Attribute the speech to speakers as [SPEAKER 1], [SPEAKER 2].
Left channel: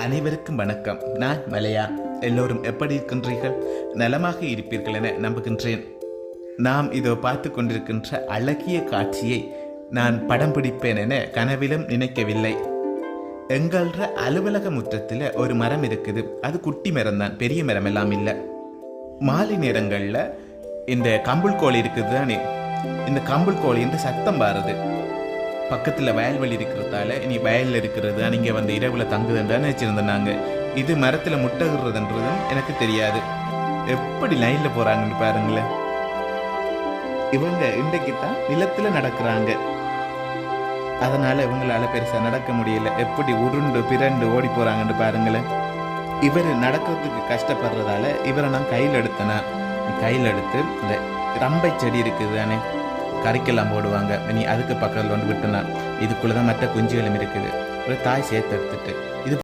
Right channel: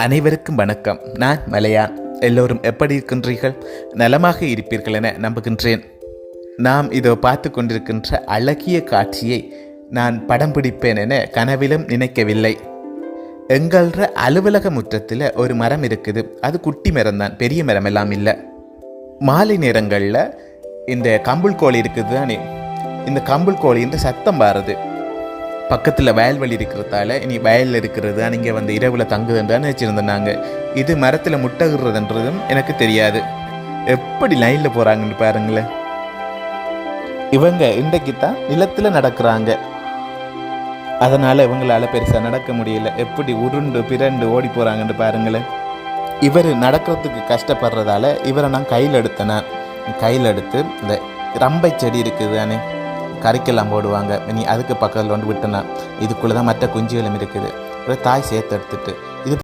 [SPEAKER 1] அனைவருக்கும் வணக்கம். நான் மலையான் எல்லோரும் எப்படி இருக்கின்றீர்கள்? நலமாக இருப்பீர்கள் என நம்புகின்றேன். நாம் இதோ பார்த்து கொண்டிருக்கின்ற அழகிய காட்சியை நான் படம் பிடிப்பேன் என கனவிலும் நினைக்கவில்லை. எங்கள்ற அலுவலக முற்றத்தில் ஒரு மரம் இருக்குது. அது குட்டி மரம் தான் பெரிய மரம் எல்லாம் இல்லை. மாலை நேரங்களில் இந்த கம்புள் கோழி இருக்குது தானே இந்த கம்புள் கோழின்ற சத்தம் பாருது. பக்கத்தில் வயல்வெளி இருக்கிறதால இனி வயலில் இருக்கிறது நீங்கள் வந்து இரவில் தங்குதுன்றான்னு வச்சுருந்தோம் நாங்கள் இது மரத்தில் முட்டைகிறதுன்றதும் எனக்கு தெரியாது. எப்படி லைனில் போகிறாங்கன்னு பாருங்களேன். இவங்க இன்றைக்கு தான் நிலத்தில் நடக்கிறாங்க. அதனால் இவங்களால் பெருசாக நடக்க முடியல. எப்படி உருண்டு பிறண்டு ஓடி போகிறாங்கன்னு பாருங்களேன். இவர் நடக்கிறதுக்கு கஷ்டப்படுறதால இவரை நான் கையில் எடுத்தேன்னா கையில் எடுத்து இந்த ரம்பை செடி இருக்குது தானே கறிக்கெல்லாம் போடுவாங்க. நீ அதுக்கு பக்கத்தில் வந்து விட்டனா இதுக்குள்ளே தான் மற்ற குஞ்சுகளும் இருக்குது. ஒரு தாய் சேர்த்து எடுத்துட்டு இது